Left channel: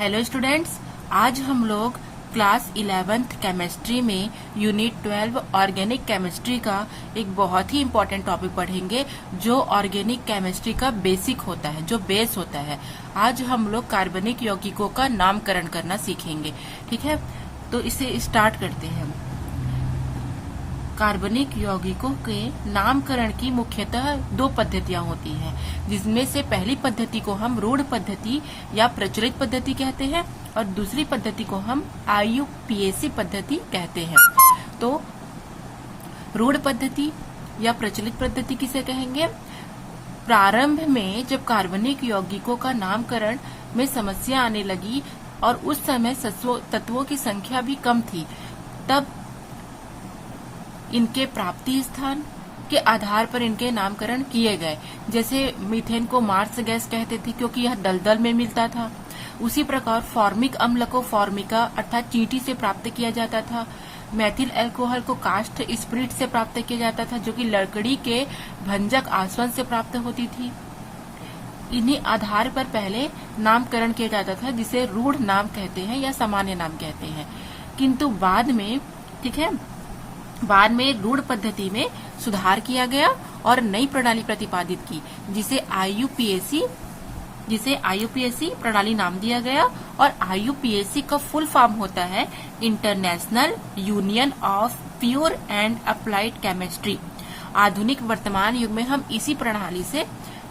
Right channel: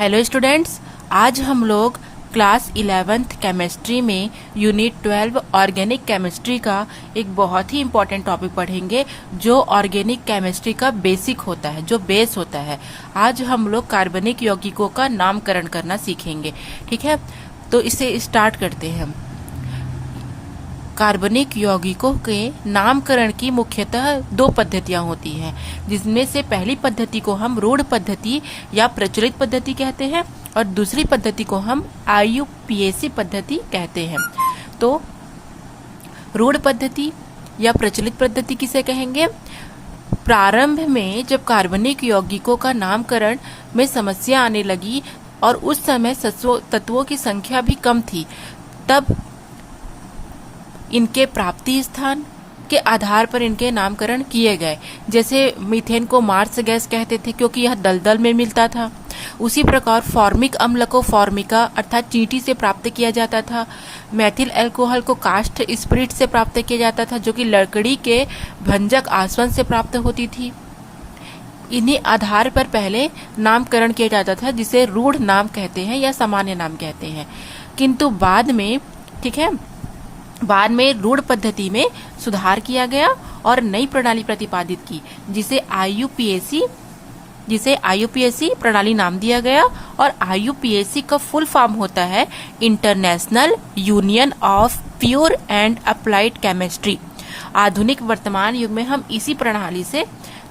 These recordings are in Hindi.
हेलो स्टूडेंट्स, आज हम लोग क्लास 11th केमिस्ट्री में यूनिट 12 ऑर्गेनिक केमिस्ट्री का एक बहुत ही इम्पोर्टेंट टॉपिक पढ़ेंगे जो ऑर्गेनिक केमिस्ट्री का बेसिक होता है, जो बेस होता है। आज हम लोग कार्बनिक यौगिकों का नामकरण करना सीखेंगे। ठीक है, तो इसे स्टार्ट करते हैं हम। कार्बनिक यौगिकों के नामकरण की मुख्यतः दो पद्धतियां होती हैं, जिसमें से पहली पद्धति को हम रूढ़ पद्धति या प्रचलित पद्धति कहते हैं और दूसरी पद्धति को हम IUPAC पद्धति कहते हैं। तो रूढ़ पद्धति या प्रचलित पद्धति किसे कहेंगे? प्रारंभ में जब कार्बनिक यौगिकों का नामकरण में समस्या आने लगी और उस समय तत्वों की संख्या भी कम थी, तब इनके प्राप्ति स्थान के आधार पर इनके नामकरण किए गए। जैसे मीथेन को मार्स गैस कहते थे क्योंकि यह दलदल में मिलता था। उसी प्रकार फॉर्मिक अम्ल को फॉर्मिका अर्थात चींटी से प्राप्त किया जाता था। मैथिल अल्कोहल को कास्ट स्पिरिट से प्राप्त किया जाता था, जो कि लकड़ी के भंजक आसवन से प्राप्त होती थी। इन्हीं आधार पर पहले नामकरण किया जाता था, जिसे रूढ़ नाम कहते हैं या सामान्य नाम कहते हैं। किंतु बाद में रूढ़ पद्धति में सुधार किया गया और नई प्रणाली प्रतिपादित की, जिसे IUPAC प्रणाली नाम दिया गया। और IUPAC का फुल फॉर्म होता है international union of pure and applied chemistry. आधुनिक वर्तमान युग में हम इसी प्रणाली से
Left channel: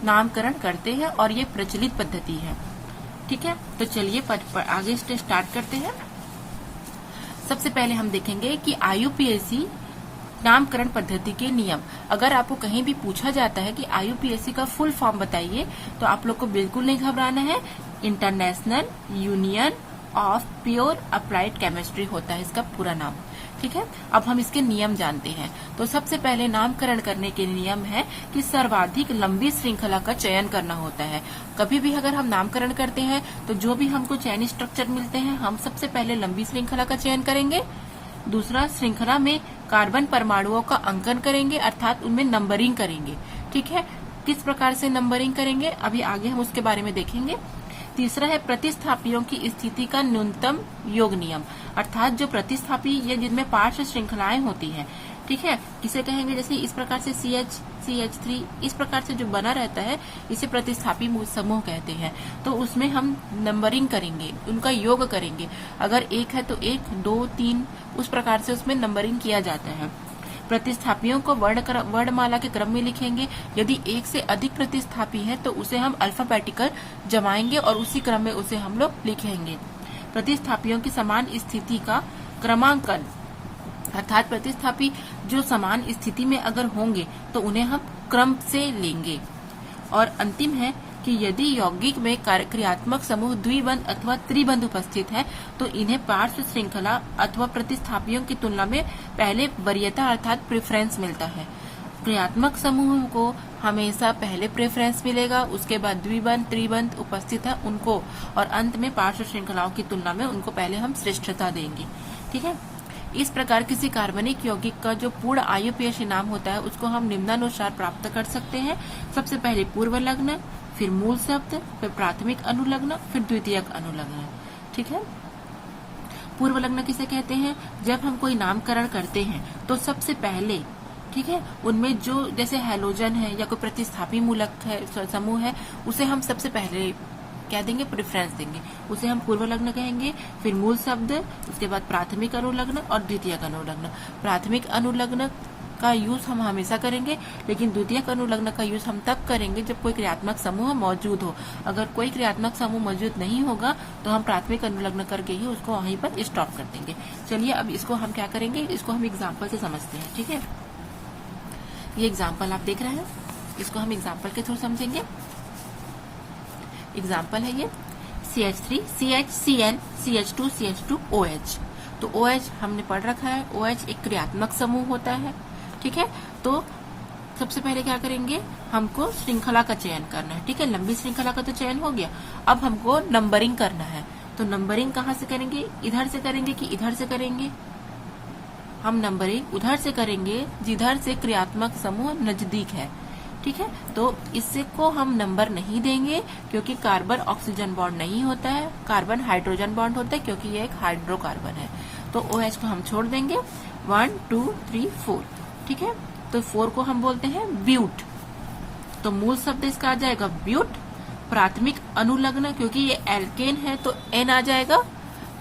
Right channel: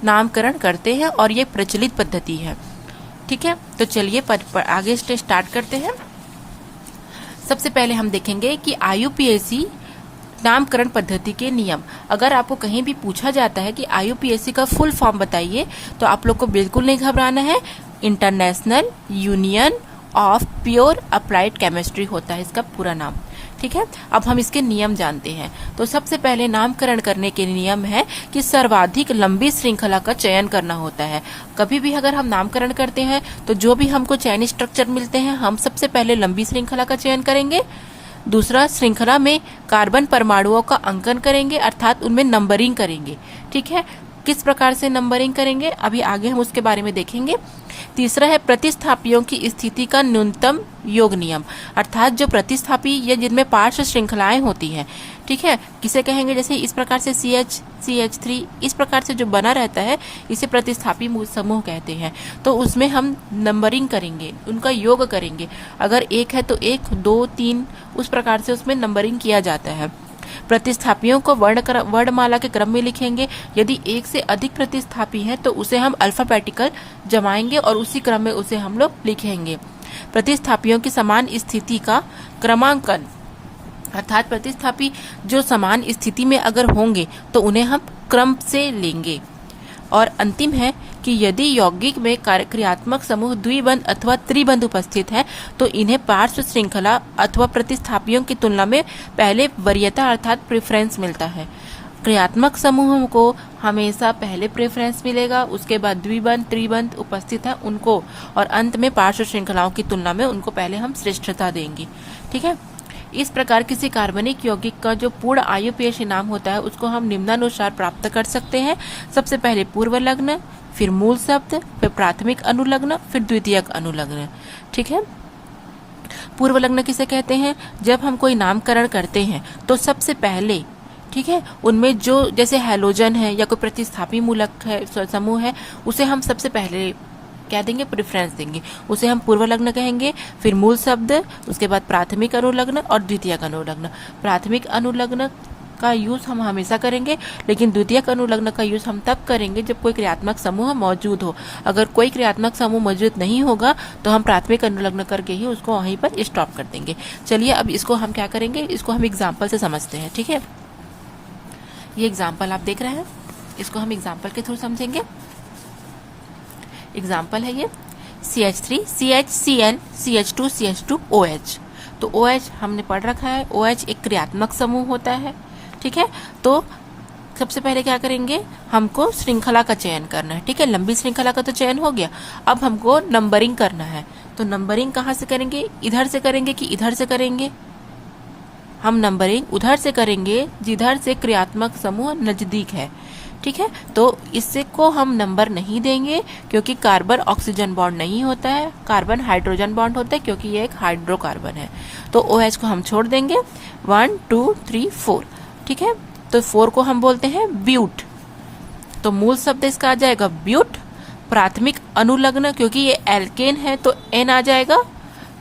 नामकरण करते हैं और ये प्रचलित पद्धति है। ठीक है, तो चलिए आगे स्टार्ट करते हैं। सबसे पहले हम देखेंगे कि IUPAC नामकरण पद्धति के नियम। अगर आपको कहीं भी पूछा जाता है कि IUPAC का फुल फॉर्म बताइए, तो आप लोग को बिल्कुल नहीं घबराना है। International union of pure applied chemistry होता है इसका पूरा नाम। ठीक है, अब हम इसके नियम जानते हैं। तो सबसे पहले नामकरण करने के नियम है कि सर्वाधिक लंबी श्रृंखला का चयन करना होता है। कभी भी अगर हम नामकरण करते हैं तो जो भी हमको चयन स्ट्रक्चर मिलते हैं, हम सबसे पहले लंबी श्रृंखला का चयन करेंगे। दूसरा, श्रृंखला में कार्बन परमाणुओं का अंकन करेंगे, अर्थात उनमें नंबरिंग करेंगे। ठीक है, किस प्रकार से नंबरिंग करेंगे अभी आगे हम उसके बारे में देखेंगे। तीसरा है प्रतिस्थापियों की स्थिति का न्यूनतम योग नियम, अर्थात जो प्रतिस्थापी या जिनमें पार्श्व श्रृंखलाएं होती हैं। ठीक है, किसे कहेंगे? जैसे इस प्रकार से CH3 इस प्रकार से जो बना रहता है, इसे प्रतिस्थापी समूह कहते हैं। तो उसमें हम नंबरिंग करेंगे, उनका योग करेंगे। अगर 1 है तो 1, 2, 3 उस प्रकार से उसमें नंबरिंग किया जाता है। प्रतिस्थापियों को वर्णमाला के क्रम में लिखेंगे। यदि एक से अधिक प्रतिस्थापी हैं तो उसे हम अल्फाबेटिकल जमाएंगे और उसी क्रम में उसे हम लोग लिखेंगे। प्रतिस्थापियों की समान स्थिति का क्रमांकन, अर्थात प्रतिस्थापी जो समान स्थिति में अगर होंगे तो उन्हें हम क्रम से लेंगे। और अंतिम है कि यदि यौगिक में क्रियात्मक समूह द्विबंध अथवा त्रिबंध उपस्थित है तो इन्हें पार्श्व श्रृंखला अथवा प्रतिस्थापियों की तुलना में पहले वरीयता अर्थात प्रेफरेंस मिलता है। क्रियात्मक समूहों को हमेशा पहले प्रेफरेंस मिलेगा, उसके बाद द्विबंध त्रिबंध उपस्थित है उनको, और अंत में पार्श्व श्रृंखलाओं की तुलना में उनको पहले हम श्रेष्ठता देंगे। ठीक है, इस प्रकार किसी कार्बनिक यौगिक का जो पूर्ण IUPAC नाम होता है उसको हम निम्नानुसार प्राप्त कर सकते हैं। सबसे पहले पूर्व लग्न, फिर मूल शब्द, फिर प्राथमिक अनुलग्न, फिर द्वितीयक अनुलग्न। ठीक है, पूर्व लग्न किसे कहते हैं? जब हम कोई नामकरण करते हैं तो सबसे पहले, ठीक है, उनमें जो जैसे हैलोजन है या कोई प्रतिस्थापी मूलक है समूह है, उसे हम सबसे पहले क्या देंगे? प्रेफरेंस देंगे, उसे हम पूर्व लग्न कहेंगे। फिर मूल शब्द, उसके बाद प्राथमिक अनुलग्न और द्वितीयक अनुलग्न। प्राथमिक अनुलग्न का यूज हम हमेशा करेंगे, लेकिन द्वितीयक अनुलग्न का यूज हम तब करेंगे जब कोई क्रियात्मक समूह मौजूद हो। अगर कोई क्रियात्मक समूह मौजूद नहीं होगा तो हम प्राथमिक अनुलग्न करके ही उसको वहीं पर स्टॉप कर देंगे। चलिए अब इसको हम क्या करेंगे, इसको हम एग्जाम्पल से समझते हैं। ठीक है, ये एग्जाम्पल आप देख रहे हैं, इसको हम एग्जाम्पल के थ्रू समझेंगे। एग्जाम्पल है ये CH3 CHCl CH2 CH2 OH। तो OH हमने पढ़ रखा है, OH एक क्रियात्मक समूह होता है। ठीक है, तो सबसे पहले क्या करेंगे, हमको श्रृंखला का चयन करना है। ठीक है, लंबी श्रृंखला का तो चयन हो गया, अब हमको नंबरिंग करना है। तो नंबरिंग कहाँ से करेंगे? इधर से करेंगे कि इधर से करेंगे? हम नंबरिंग उधर से करेंगे जिधर से क्रियात्मक समूह नजदीक है। ठीक है, तो इससे को हम नंबर नहीं देंगे क्योंकि कार्बन ऑक्सीजन बॉन्ड नहीं होता है, कार्बन हाइड्रोजन बॉन्ड होता है क्योंकि ये एक हाइड्रोकार्बन है। तो OH को हम छोड़ देंगे 1 2 3 4। ठीक है, तो 4 को हम बोलते हैं ब्यूट। तो मूल शब्द इसका आ जाएगा ब्यूट। प्राथमिक अनुलग्न क्योंकि ये एल्केन है तो N आ जाएगा।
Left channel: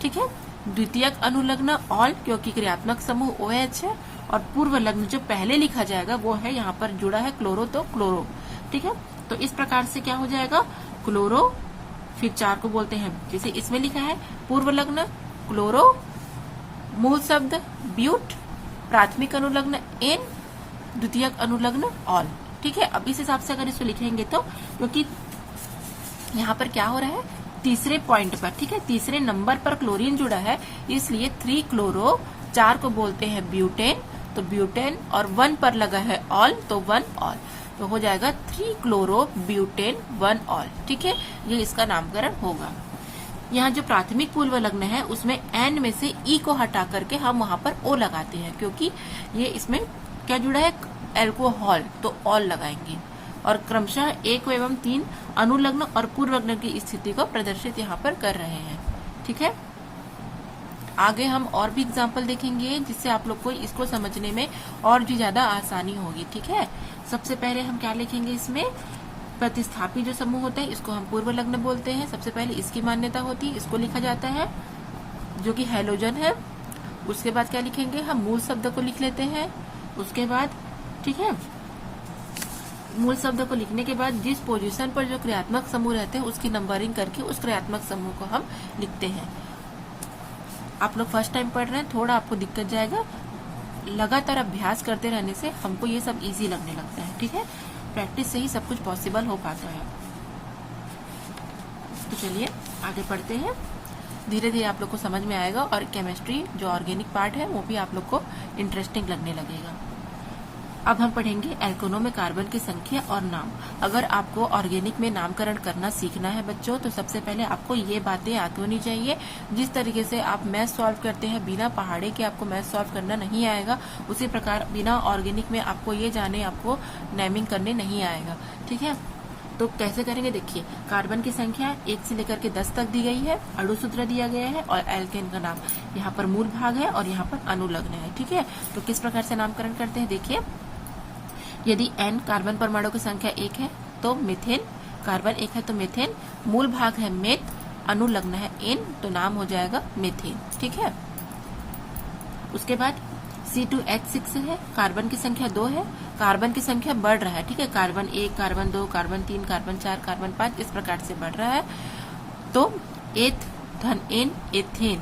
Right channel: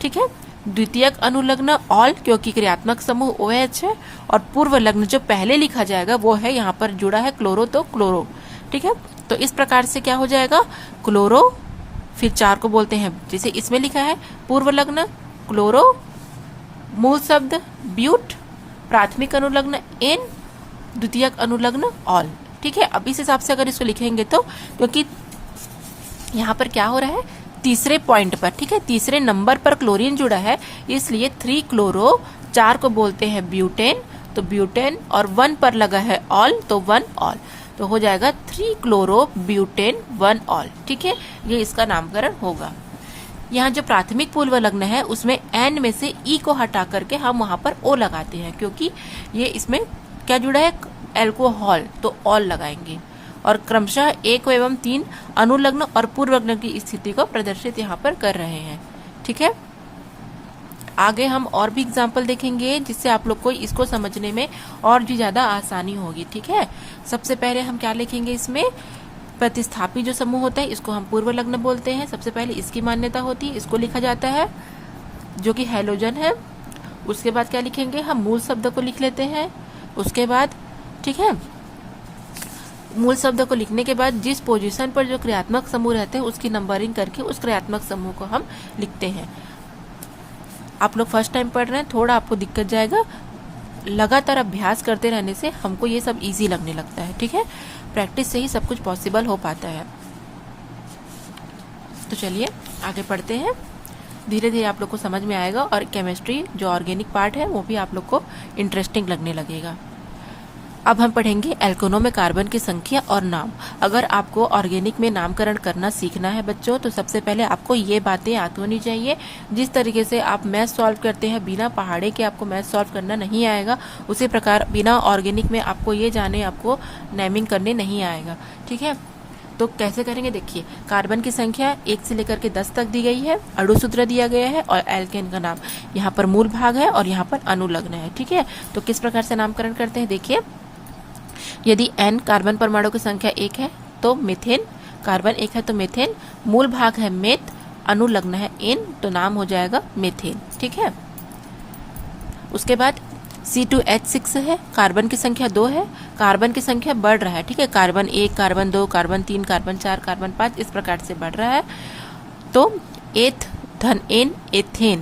ठीक है, द्वितीयक अनुलग्न ऑल क्योंकि क्रियात्मक समूह OH है, और पूर्व लग्न जो पहले लिखा जाएगा वो है यहाँ पर जुड़ा है क्लोरो, तो क्लोरो। ठीक है, तो इस प्रकार से क्या हो जाएगा, क्लोरो, फिर 4 को बोलते हैं जैसे इसमें लिखा है पूर्व लग्न क्लोरो, मूल शब्द ब्यूट, प्राथमिक अनुलग्न N, द्वितीयक अनुलग्न ऑल। ठीक है, अब इस हिसाब से अगर इसको लिखेंगे तो, क्योंकि यहाँ पर क्या हो रहा है, तीसरे पॉइंट पर, ठीक है, तीसरे नंबर पर क्लोरीन जुड़ा है, इसलिए 3 क्लोरो, 4 को बोलते हैं ब्यूटेन, तो ब्यूटेन, और 1 पर लगा है ऑल, तो 1 ऑल, तो हो जाएगा 3 क्लोरो ब्यूटेन 1 ऑल। ठीक है, ये इसका नामकरण होगा। यहाँ जो प्राथमिक पूर्व लग्न है उसमें N में से E को हटा करके हम वहां पर O लगाते हैं, क्योंकि ये इसमें क्या जुड़ा है, एल्कोहल, तो ऑल लगाएंगे, और क्रमशः 1 एवं 3 अनुलग्न और पूर्व लग्न की स्थिति को प्रदर्शित यहाँ पर कर रहे हैं। ठीक है, आगे हम और भी एग्जाम्पल देखेंगे जिससे आप लोग को इसको समझने में और भी ज्यादा आसानी होगी। ठीक है, सबसे पहले हम क्या लिखेंगे, इसमें प्रतिस्थापी जो समूह होता है इसको हम पूर्व लग्न बोलते हैं। सबसे पहले इसकी मान्यता होती है, इसको लिखा जाता है जो कि हैलोजन है। उसके बाद क्या लिखेंगे, हम मूल शब्द को लिख लेते हैं। उसके बाद, ठीक है, मूल शब्द को लिखने के बाद जिस पोजीशन पर जो क्रियात्मक समूह रहते हैं उसकी नंबरिंग करके उस क्रियात्मक समूह को हम लिखते हैं। आप लोग फर्स्ट टाइम पढ़ रहे हैं, थोड़ा आपको दिक्कत जाएगा, लगातार अभ्यास करते रहने से हमको ये सब इजी लगने लगता है। ठीक है, प्रैक्टिस से ही सब कुछ पॉसिबल हो पाता है। तो चलिए आगे पढ़ते हैं, धीरे धीरे आप लोग को समझ में आएगा और केमिस्ट्री जो ऑर्गेनिक पार्ट है वो भी आप लोग को इंटरेस्टिंग लगने लगेगा। अब हम पढ़ेंगे एल्केनों में कार्बन की संख्या और नाम। अगर आपको ऑर्गेनिक में नामकरण करना सीखना है बच्चों, तो सबसे पहले आपको ये बातें आती होनी चाहिए। जिस तरीके से आप मैथ सॉल्व करते हैं, बिना पहाड़े के आपको मैथ सॉल्व करना नहीं आएगा, उसी प्रकार बिना ऑर्गेनिक में आपको ये जाने आपको नेमिंग करने नहीं आएगा। ठीक है, तो कैसे करेंगे, देखिए, कार्बन की संख्या 1 से लेकर के 10 तक दी गई है, अणुसूत्र दिया गया है, और एल्केन का नाम यहाँ पर मूल भाग है और यहाँ पर अनुलग्न है। ठीक है, तो किस प्रकार से नामकरण करते हैं, देखिए, यदि N कार्बन परमाणु की संख्या 1 है तो मीथेन, कार्बन 1 है तो मीथेन, मूल भाग है मेथ, अनुलग्न है N, तो नाम हो जाएगा मीथेन। ठीक है, उसके बाद C2H6 है, कार्बन की संख्या 2 है, कार्बन की संख्या बढ़ रहा है। ठीक है, carbon 1, carbon 2, carbon 3, carbon 4, carbon 5 इस प्रकार से बढ़ रहा है, तो एथ धन N एथेन,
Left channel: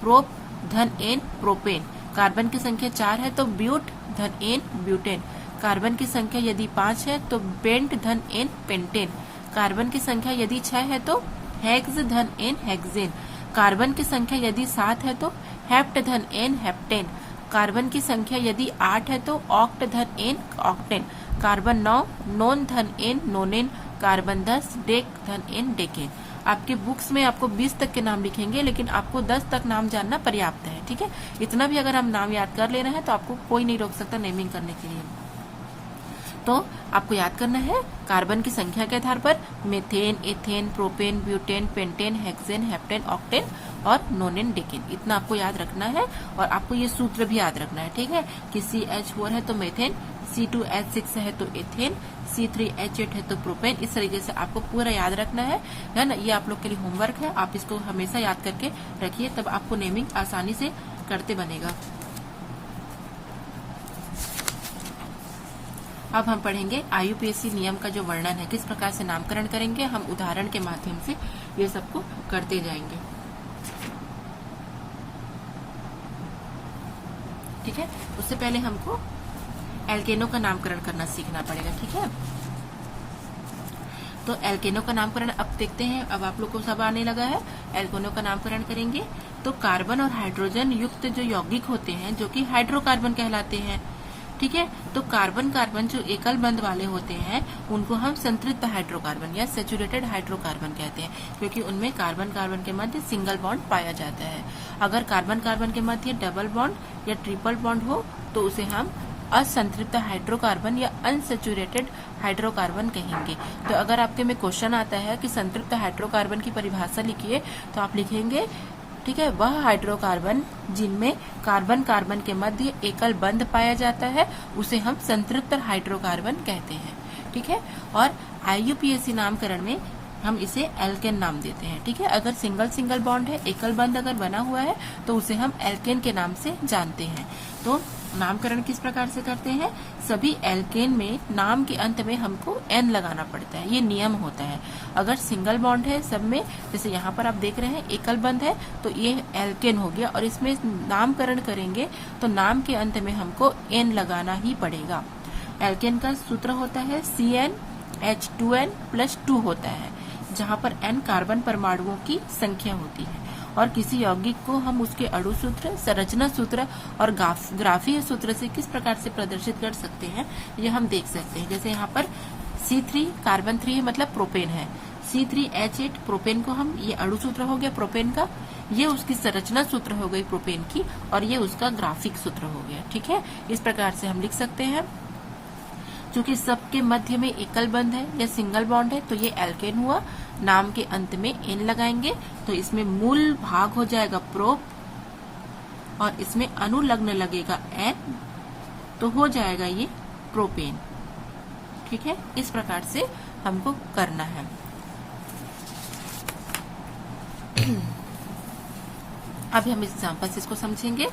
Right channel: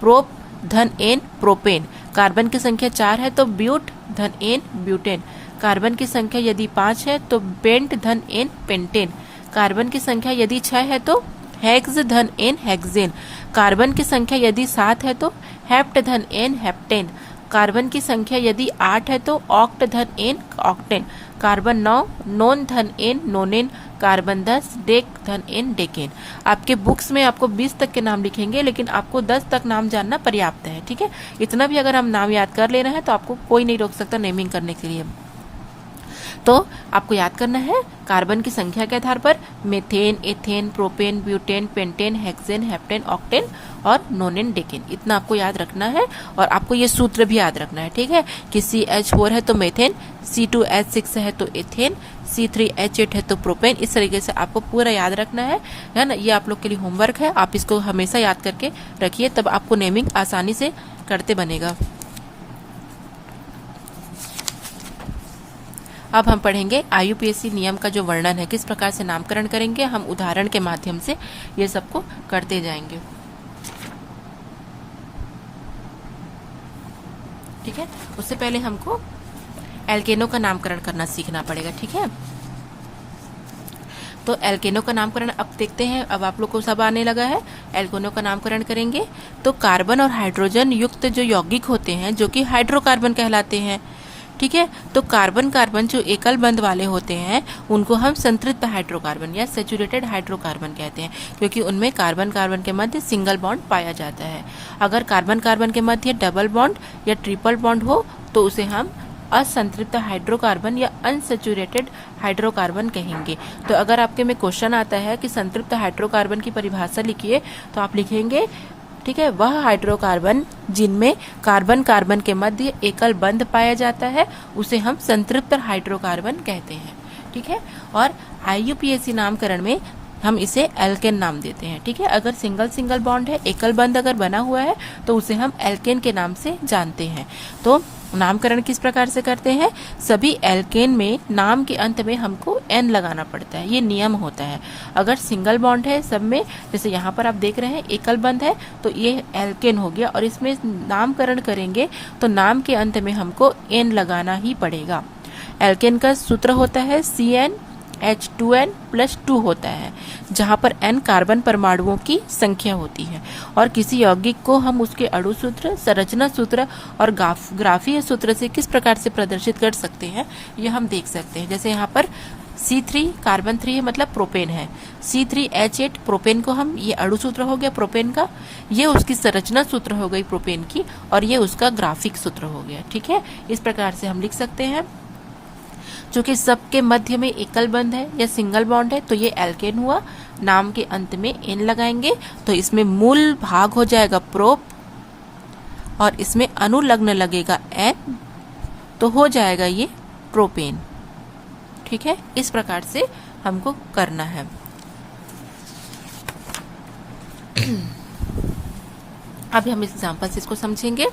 प्रोप धन N प्रोपेन, कार्बन की संख्या 4 है तो ब्यूट धन N ब्यूटेन, कार्बन की संख्या यदि 5 है तो पेंट धन N पेंटेन, कार्बन की संख्या यदि 6 है तो हेक्स धन N हेक्सेन, कार्बन की संख्या यदि 7 है तो हेप्ट धन N हेप्टेन, कार्बन की संख्या यदि 8 है तो ऑक्ट धन N ऑक्टेन, कार्बन 9 नोन धन N नोनेन, कार्बन 10 डेक धन N डेकेन। आपके बुक्स में आपको 20 तक के नाम लिखेंगे, लेकिन आपको 10 तक नाम जानना पर्याप्त है। ठीक है, इतना भी अगर हम नाम याद कर ले रहे हैं तो आपको कोई नहीं रोक सकता नेमिंग करने के लिए। तो आपको याद करना है कार्बन की संख्या के आधार पर methane, ethane, propane, butane, pentane, hexane, heptane, octane और नोनेन, डेकेन, इतना आपको याद रखना है। और आपको ये सूत्र भी याद रखना है। ठीक है, कि CH4 है तो मीथेन, C2H6 है तो एथेन, C3H8 है तो प्रोपेन, इस तरीके से आपको पूरा याद रखना है ना। ये आप लोग के लिए होमवर्क है, आप इसको हमेशा याद करके रखिए, तब आपको नेमिंग आसानी से करते बनेगा। अब हम पढ़ेंगे IUPAC नियम का जो वर्णन है, किस प्रकार से नामकरण करेंगे, हम उदाहरण के माध्यम से ये सबको करते जाएंगे। ठीक है, उससे पहले हमको एल्केनों का नामकरण करना सीखना पड़ेगा। ठीक है, तो एल्केनों का नामकरण अब देखते हैं। अब आप लोग को सब आने लगा है, एल्केनों का नामकरण करेंगे। तो कार्बन और हाइड्रोजन युक्त जो यौगिक होते हैं जो कि हाइड्रोकार्बन कहलाते हैं। ठीक है, तो कार्बन कार्बन जो एकल बंध वाले होते हैं उनको हम संतृप्त हाइड्रोकार्बन या सैचुरेटेड हाइड्रोकार्बन कहते हैं, क्योंकि उनमें कार्बन कार्बन के मध्य सिंगल बॉन्ड पाया जाता है। अगर कार्बन कार्बन के मध्य डबल बॉन्ड या ट्रिपल बॉन्ड हो तो उसे हम असंतृप्त हाइड्रोकार्बन या अनसेचुरेटेड हाइड्रोकार्बन कहेंगे। तो अगर आपके में क्वेश्चन आता है कि संतृप्त हाइड्रोकार्बन की परिभाषा लिखिए, तो आप लिखेंगे, ठीक है, वह हाइड्रोकार्बन जिनमें कार्बन कार्बन के मध्य एकल बंध पाया जाता है उसे हम संतृप्त हाइड्रोकार्बन कहते हैं। ठीक है, और IUPAC नामकरण में हम इसे एल्केन नाम देते हैं। ठीक है, अगर सिंगल सिंगल बॉन्ड है, एकल बंध अगर बना हुआ है, तो उसे हम एल्केन के नाम से जानते हैं। तो नामकरण किस प्रकार से करते हैं? सभी एल्केन में नाम के अंत में हमको N लगाना पड़ता है, ये नियम होता है। अगर सिंगल बॉन्ड है सब में, जैसे यहाँ पर आप देख रहे हैं एकल बंध है, तो ये एल्केन हो गया, और इसमें नामकरण करेंगे तो नाम के अंत में हमको N लगाना ही पड़ेगा। एल्केन का सूत्र होता है CnH2n+2 होता है, जहां पर N कार्बन परमाणुओं की संख्या होती है। और किसी यौगिक को हम उसके अणु सूत्र, संरचना सूत्र और ग्राफीय सूत्र से किस प्रकार से प्रदर्शित कर सकते हैं, ये हम देख सकते हैं। जैसे यहाँ पर C3 कार्बन 3 है, मतलब प्रोपेन है। C3H8 प्रोपेन को हम, ये अणु सूत्र हो गया प्रोपेन का, ये उसकी संरचना सूत्र हो गई प्रोपेन की, और ये उसका ग्राफिक सूत्र हो गया। ठीक है, इस प्रकार से हम लिख सकते हैं। चूंकि सबके मध्य में एकल बंध है या सिंगल बॉन्ड है, तो ये एल्केन हुआ। नाम के अंत में N लगाएंगे तो इसमें मूल भाग हो जाएगा प्रोप, और इसमें अनुलग्न लगेगा N, तो हो जाएगा ये प्रोपेन। ठीक है, इस प्रकार से हमको करना है। अभी हम एग्जांपल से इसको समझेंगे।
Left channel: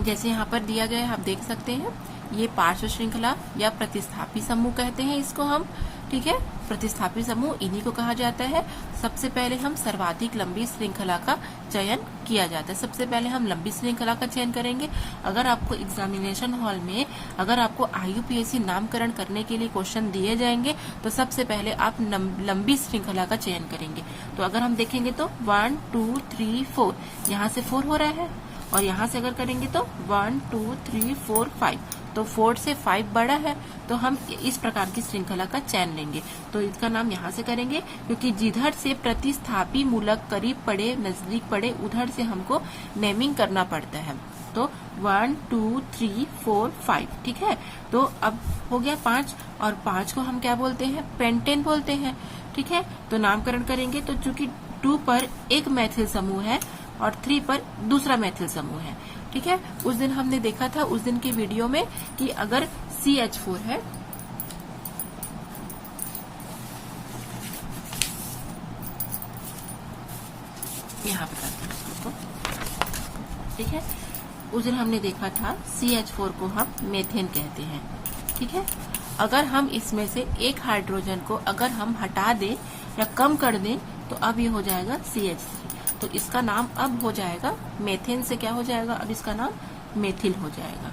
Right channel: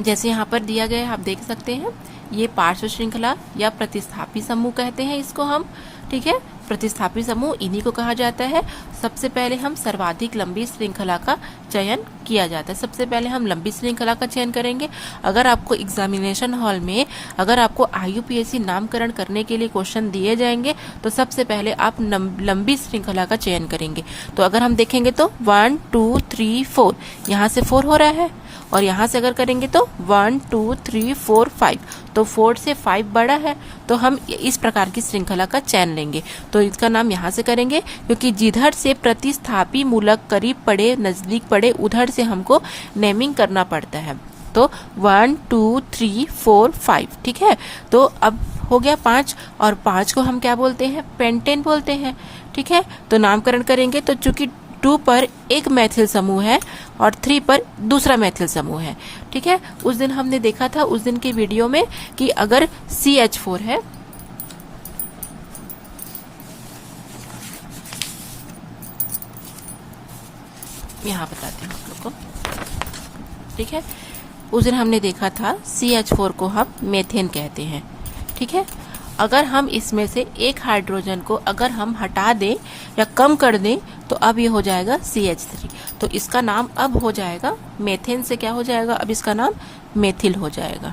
जैसे यहाँ पर दिया गया है, आप देख सकते हैं, ये पार्श्व श्रृंखला या प्रतिस्थापी समूह कहते हैं इसको हम। ठीक है, प्रतिस्थापी समूह इन्हीं को कहा जाता है। सबसे पहले हम सर्वाधिक लंबी श्रृंखला का चयन किया जाता है। सबसे पहले हम लंबी श्रृंखला का चयन करेंगे। अगर आपको एग्जामिनेशन हॉल में, अगर आपको IUPAC नामकरण करने के लिए क्वेश्चन दिए जाएंगे, तो सबसे पहले आप लंबी श्रृंखला का चयन करेंगे। तो अगर हम देखेंगे तो 1 2 3 4, यहाँ से 4 हो रहा है, और यहाँ से अगर करेंगे तो 1 2 3 4 5, तो 4 से 5 बड़ा है, तो हम इस प्रकार की श्रृंखला का चयन लेंगे। तो इसका नाम यहाँ से करेंगे, क्योंकि जिधर से प्रतिस्थापी मूलक करीब पड़े, नजदीक पड़े, उधर से हमको नेमिंग करना पड़ता है। तो 1 2 3 4 5, ठीक है। तो अब हो गया 5, और 5 को हम क्या बोलते हैं? पेंटेन बोलते हैं। ठीक है, तो नामकरण करेंगे तो चूंकि 2 पर एक मैथिल समूह है और 3 पर दूसरा मैथिल समूह है। ठीक है, उस दिन हमने देखा था, उस दिन की वीडियो में, कि अगर CH4 है, यहाँ बताते हैं आपको। ठीक है, उस दिन हमने देखा था CH4 को हम मेथेन कहते हैं। ठीक है, अगर हम इसमें से एक हाइड्रोजन को अगर हम हटा दें या कम कर दें, तो अब ये हो जाएगा CH3। तो इसका नाम अब हो जाएगा मेथेन से क्या हो जाएगा? अब इसका नाम मेथिल हो जाएगा।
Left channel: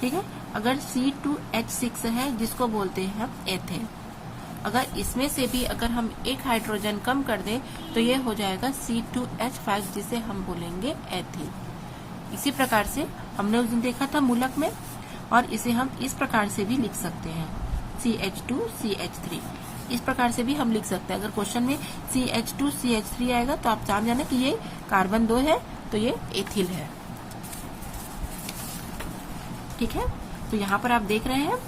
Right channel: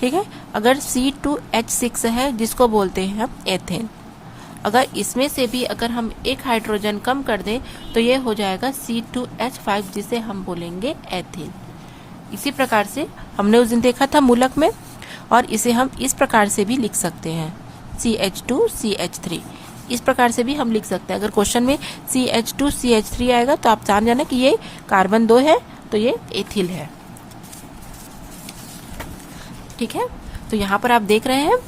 ठीक है, अगर C2H6 है, जिसको बोलते हैं हम एथेन, अगर इसमें से भी अगर हम एक हाइड्रोजन कम कर दें, तो ये हो जाएगा C2H5, जिसे हम बोलेंगे एथिल। इसी प्रकार से हमने उस दिन देखा था मूलक में, और इसे हम इस प्रकार से भी लिख सकते हैं, CH2 CH3, इस प्रकार से भी हम लिख सकते हैं। अगर क्वेश्चन में CH2 CH3 आएगा, तो आप जान जाना कि ये कार्बन 2 है, तो ये एथिल है। ठीक है, तो यहाँ पर आप देख रहे हैं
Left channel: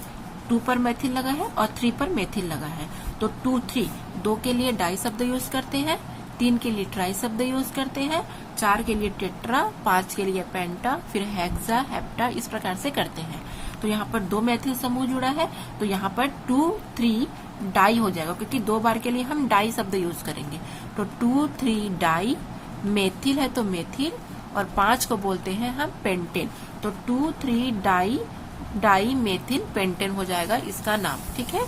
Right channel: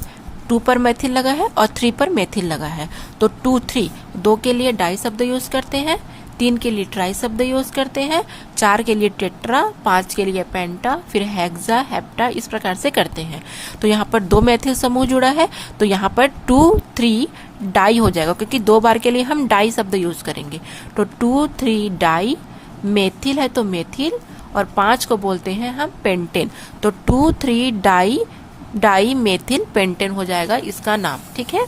2 पर मेथिल लगा है और 3 पर मेथिल लगा है। तो 2 3, 2 के लिए डाई शब्द यूज करते हैं, 3 के लिए ट्राई शब्द यूज करते हैं, 4 के लिए टेट्रा, 5 के लिए पेंटा, फिर हेक्सा, हेप्टा, इस प्रकार से करते हैं। तो यहाँ पर 2 मेथिल समूह जुड़ा है, तो यहाँ पर 2 3 डाई हो जाएगा, क्योंकि 2 बार के लिए हम डाई शब्द यूज करेंगे। तो 2 3 डाई, मेथिल है तो मेथिल, और 5 को बोलते हैं हम पेंटेन। तो 2 3 डाई मेथिल पेंटेन हो जाएगा इसका नाम। ठीक है,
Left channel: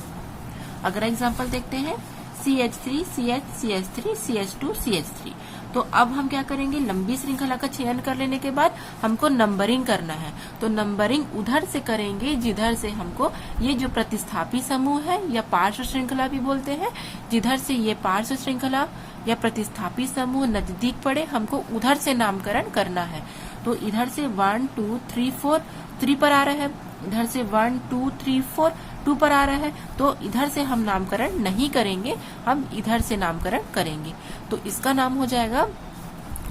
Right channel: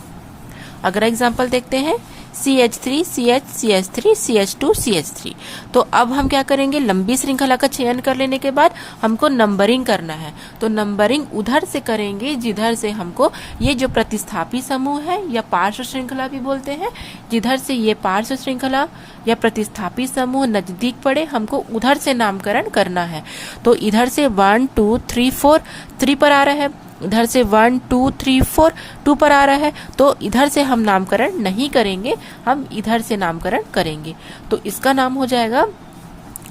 अगला एग्जाम्पल देखते हैं, CH3 CH CH3 CH2 CH3। तो अब हम क्या करेंगे? लंबी श्रृंखला का चयन कर लेने के बाद हमको नंबरिंग करना है। तो नंबरिंग उधर से करेंगे जिधर से हमको ये जो प्रतिस्थापी समूह है या पार्श्व श्रृंखला भी बोलते हैं, जिधर से ये पार्श्व श्रृंखला या प्रतिस्थापी समूह नजदीक पड़े, हमको उधर से नामकरण करना है। तो इधर से 1 2 3 4 3 पर आ रहा है, इधर से 1 2 3 4 2 पर आ रहा है, तो इधर से हम नामकरण नहीं करेंगे, हम इधर से नामकरण करेंगे। तो इसका नाम हो जाएगा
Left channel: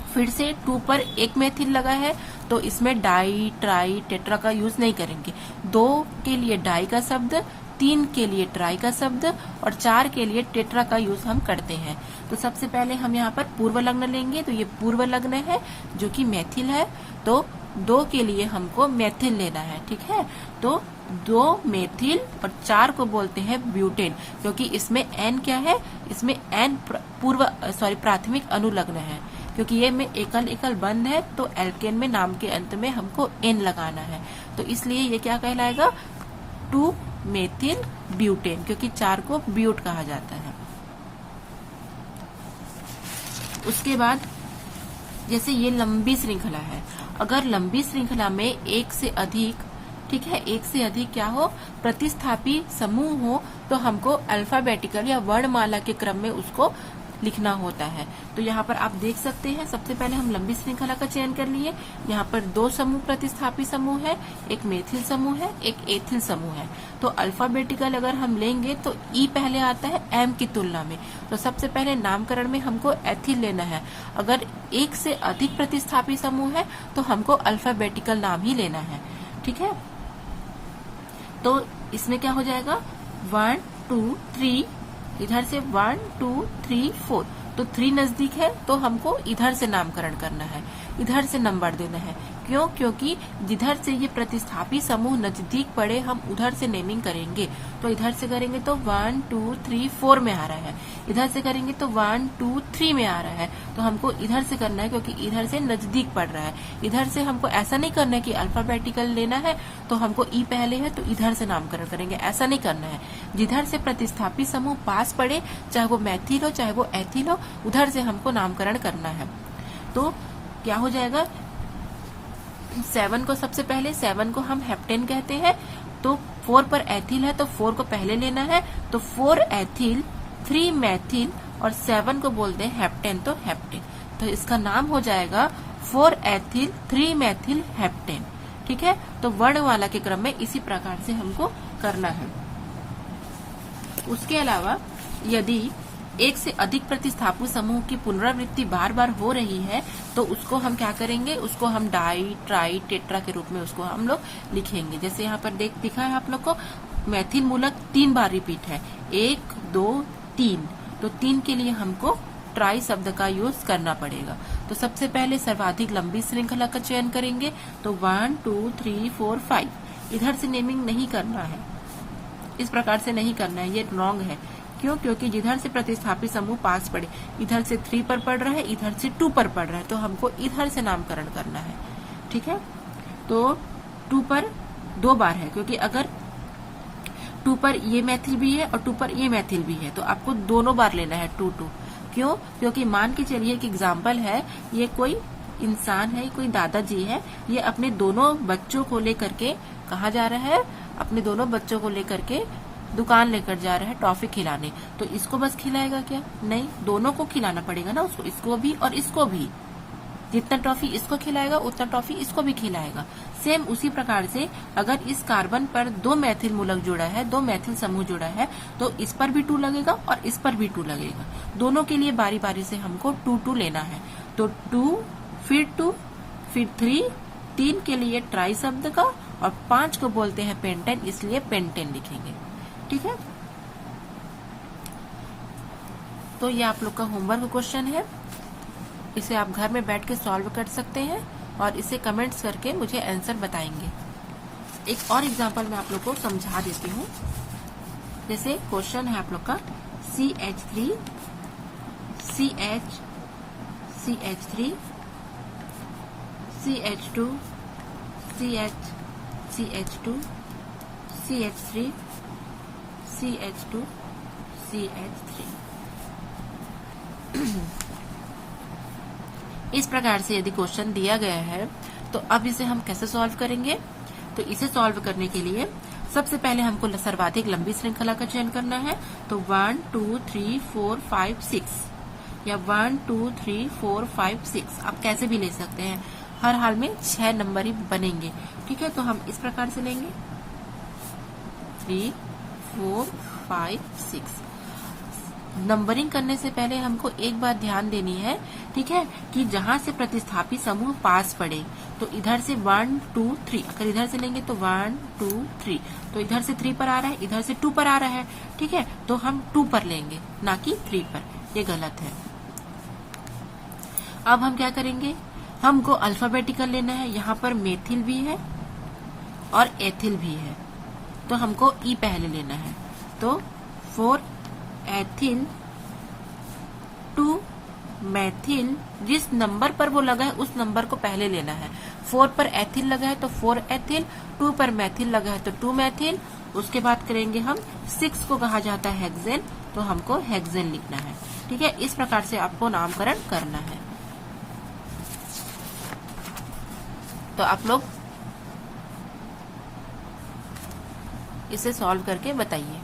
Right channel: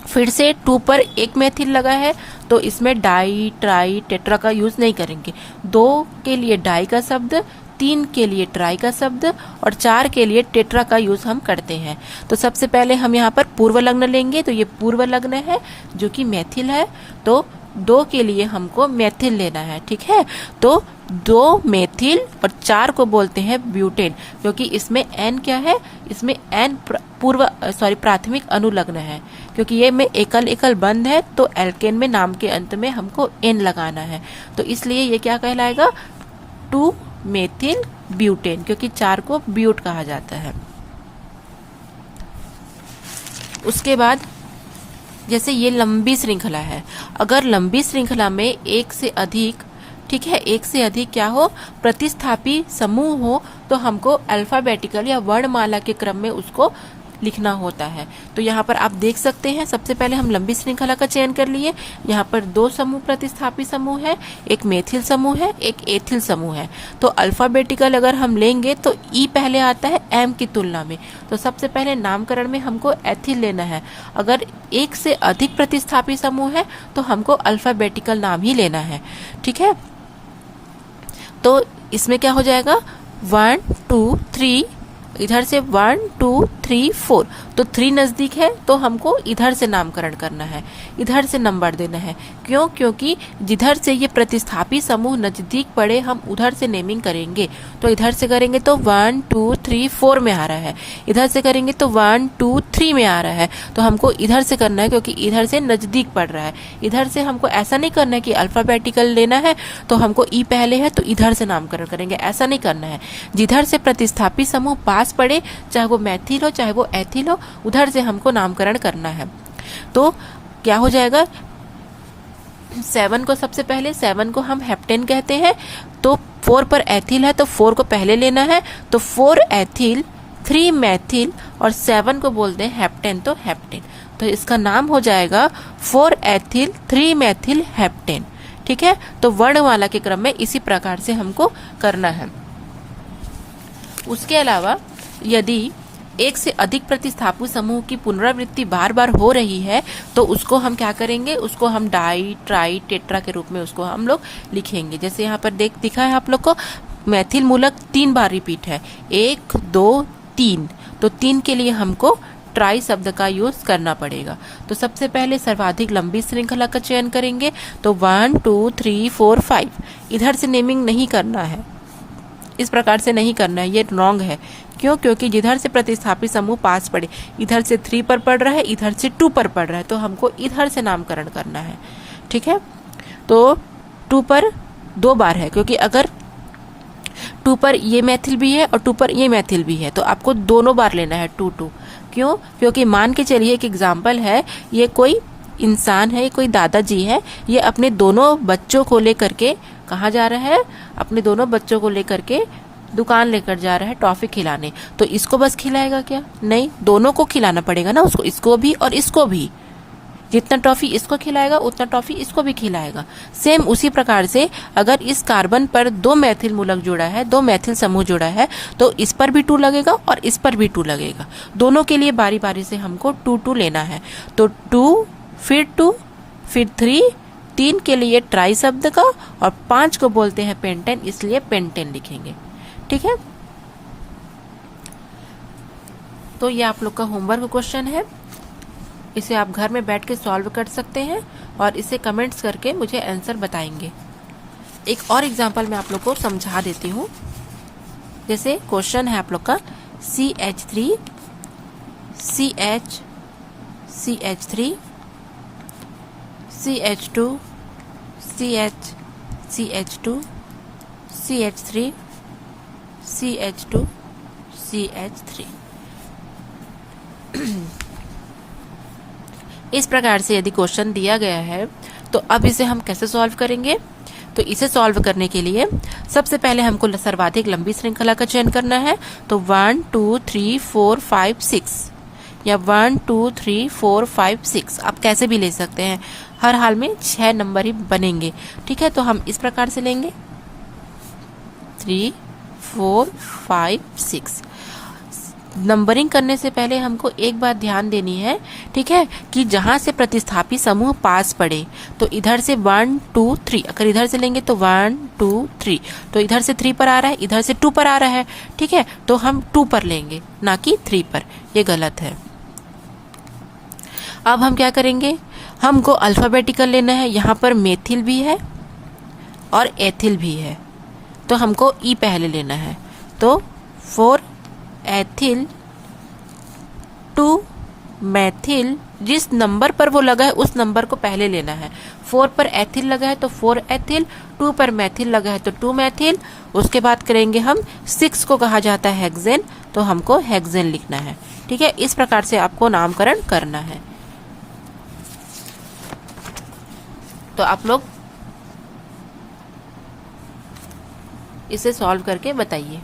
फिर से 2 पर एक मेथिल लगा है, तो इसमें डाई ट्राई टेट्रा का यूज नहीं करेंगे। 2 के लिए डाई का शब्द, 3 के लिए ट्राई का शब्द और 4 के लिए टेट्रा का यूज हम करते हैं। तो सबसे पहले हम यहाँ पर पूर्व लग्न लेंगे, तो ये पूर्व लग्न है जो कि मेथिल है, तो 2 के लिए हमको मेथिल लेना है। ठीक है, तो 2 मेथिल और 4 को बोलते हैं ब्यूटेन, क्योंकि इसमें एन क्या है, इसमें एन प्राथमिक अनुलग्न है, क्योंकि ये में एकल एकल बंद है, तो एल्केन में नाम के अंत में हमको एन लगाना है, तो इसलिए ये क्या कहलाएगा, 2 मेथिल ब्यूटेन, क्योंकि 4 को ब्यूट कहा जाता है। उसके बाद जैसे ये लंबी श्रृंखला है, अगर लंबी श्रृंखला में एक से अधिक, ठीक है, एक से अधिक क्या हो, प्रतिस्थापी समूह हो, तो हमको अल्फाबेटिकल या वर्णमाला के क्रम में उसको लिखना होता है। तो यहाँ पर आप देख सकते हैं, सबसे पहले हम लंबी श्रृंखला का चयन कर लिए। यहाँ पर 2 समूह प्रतिस्थापी समूह है, एक मेथिल समूह है, एक एथिल समूह है। तो अल्फाबेटिकल अगर हम लेंगे तो ई पहले आता है एम की तुलना में, तो सबसे पहले नामकरण में हमको एथिल लेना है। अगर एक से अधिक प्रतिस्थापी समूह है तो हमको अल्फाबेटिकल नाम ही लेना है। ठीक है, तो इसमें क्या हो जाएगा, 1 2 3, इधर से 1 2 3 4, तो 3 नजदीक है, तो हमको इधर से नामकरण करना है, इधर से नंबर देना है। क्यों, क्योंकि जिधर से ये प्रतिस्थापी समूह नजदीक पड़े हम उधर से नेमिंग करेंगे। तो इधर से करेंगे तो 1 2 3 4 में आ रहा है, इधर से करेंगे तो 1 2 3 में आ रहा है, तो हमको इधर से करना है, क्योंकि इधर से नजदीक पड़ रहा है। इधर से हमको ऐसा नहीं करना है कि अल्फाबेटिकल लेना है तो हमको ई पहले है तो इधर से नामकरण करेंगे, ऐसा नहीं करना है। जिधर से प्रतिस्थापी समूह पास पड़े, चाहे वो मेथिल हो चाहे वो एथिल हो, उधर से हमको नामकरण करना है। तो क्या हो जाएगा, 7 को सबसे पहले, 7 को हम हेप्टेन कहते हैं, तो 4 पर एथिल है तो 4 को पहले लेना है, तो 4 एथिल 3 मेथिल और 7 को बोलते हैं हेप्टेन, तो हेप्टेन, तो इसका नाम हो जाएगा 4 एथिल 3 मेथिल हेप्टेन। ठीक है, तो वर्णमाला के क्रम में इसी प्रकार से हमको करना है। उसके अलावा यदि एक से अधिक प्रतिस्थापी समूह की पुनरावृत्ति बार बार हो रही है तो उसको हम क्या करेंगे, उसको हम डाई ट्राई टेट्रा के रूप में उसको हम लोग लिखेंगे। जैसे यहाँ पर दिखा है आप लोग को, मैथिल मूलक 3 बार रिपीट है, 1 2 3, तो 3 के लिए हमको ट्राई शब्द का यूज करना पड़ेगा। तो सबसे पहले सर्वाधिक लंबी श्रृंखला का चयन करेंगे, तो 1 2 3 4 5, इधर से नेमिंग नहीं करना है, इस प्रकार से नहीं करना है, ये रॉन्ग है। क्यों, क्योंकि जिधर से प्रतिस्थापी समूह पास पड़े, इधर से 3 पर पड़ रहा है, इधर से 2 पर पड़ रहा है, तो हमको इधर से नामकरण करना है। ठीक है, तो 2 पर 2 बार है, क्योंकि अगर 2 पर ये मैथिल भी है और 2 पर ये मैथिल भी है, तो आपको दोनों बार लेना है 2 2। क्यों, क्योंकि मान के चलिए एक एग्जाम्पल है, ये कोई इंसान है, कोई दादाजी है, ये अपने दोनों बच्चों को लेकर के कहाँ जा रहा है, अपने दोनों बच्चों को लेकर के दुकान लेकर जा रहा है टॉफी खिलाने, तो इसको बस खिलाएगा क्या, नहीं, दोनों को खिलाना पड़ेगा ना उसको, इसको भी और इसको भी। जितना टॉफी इसको खिलाएगा उतना टॉफी इसको भी खिलाएगा। सेम उसी प्रकार से अगर इस कार्बन पर 2 मैथिल मूलक जुड़ा है, 2 मैथिल समूह जुड़ा है, तो इस पर भी 2 लगेगा और इस पर भी 2 लगेगा। दोनों के लिए बारी बारी से हमको 2 2 लेना है, तो 2 फिर 2 फिर 3 के लिए ट्राई शब्द का, और 5 को बोलते हैं पेंटेन, इसलिए पेंटेन लिखेंगे। ठीक है, तो ये आप लोग का होमवर्क क्वेश्चन है, इसे आप घर में बैठ के सॉल्व कर सकते हैं और इसे कमेंट्स करके मुझे आंसर बताएंगे। एक और एग्जांपल मैं आप लोग को समझा देती हूँ। जैसे क्वेश्चन है आप लोग का CH3 CH3 CH2 CH2 CH3 CH2 CH3। इस प्रकार से यदि क्वेश्चन दिया गया है तो अब इसे हम कैसे सॉल्व करेंगे। तो इसे सॉल्व करने के लिए सबसे पहले हमको सर्वाधिक लंबी श्रृंखला का चयन करना है। तो 1 2 3 4 5 6 या 1 2 3 4 5 6 आप कैसे भी ले सकते हैं, हर हाल में 6 नंबर ही बनेंगे। ठीक है, तो हम इस प्रकार से लेंगे 3 4 5 6। नंबरिंग करने से पहले हमको एक बात ध्यान देनी है, ठीक है, कि जहां से प्रतिस्थापी समूह पास पड़े, तो इधर से 1 2 3, अगर इधर से लेंगे तो 1 2 3, तो इधर से 3 पर आ रहा है, इधर से 2 पर आ रहा है, ठीक है, तो हम 2 पर लेंगे ना कि 3 पर, ये गलत है। अब हम क्या करेंगे, हमको अल्फाबेटिकल लेना है। यहाँ पर मेथिल भी है और एथिल भी है, तो हमको ई पहले लेना है। तो 4 एथिल 2 मैथिल, जिस नंबर पर वो लगा है उस नंबर को पहले लेना है। 4 पर एथिल लगा है तो 4 एथिल, 2 पर मैथिल लगा है तो 2 मैथिल। उसके बाद करेंगे हम 6 को कहा जाता है हेक्सेन, तो हमको हेक्सेन लिखना है, ठीक है। इस प्रकार से आपको नामकरण करना है। तो आप लोग इसे सॉल्व करके बताइए।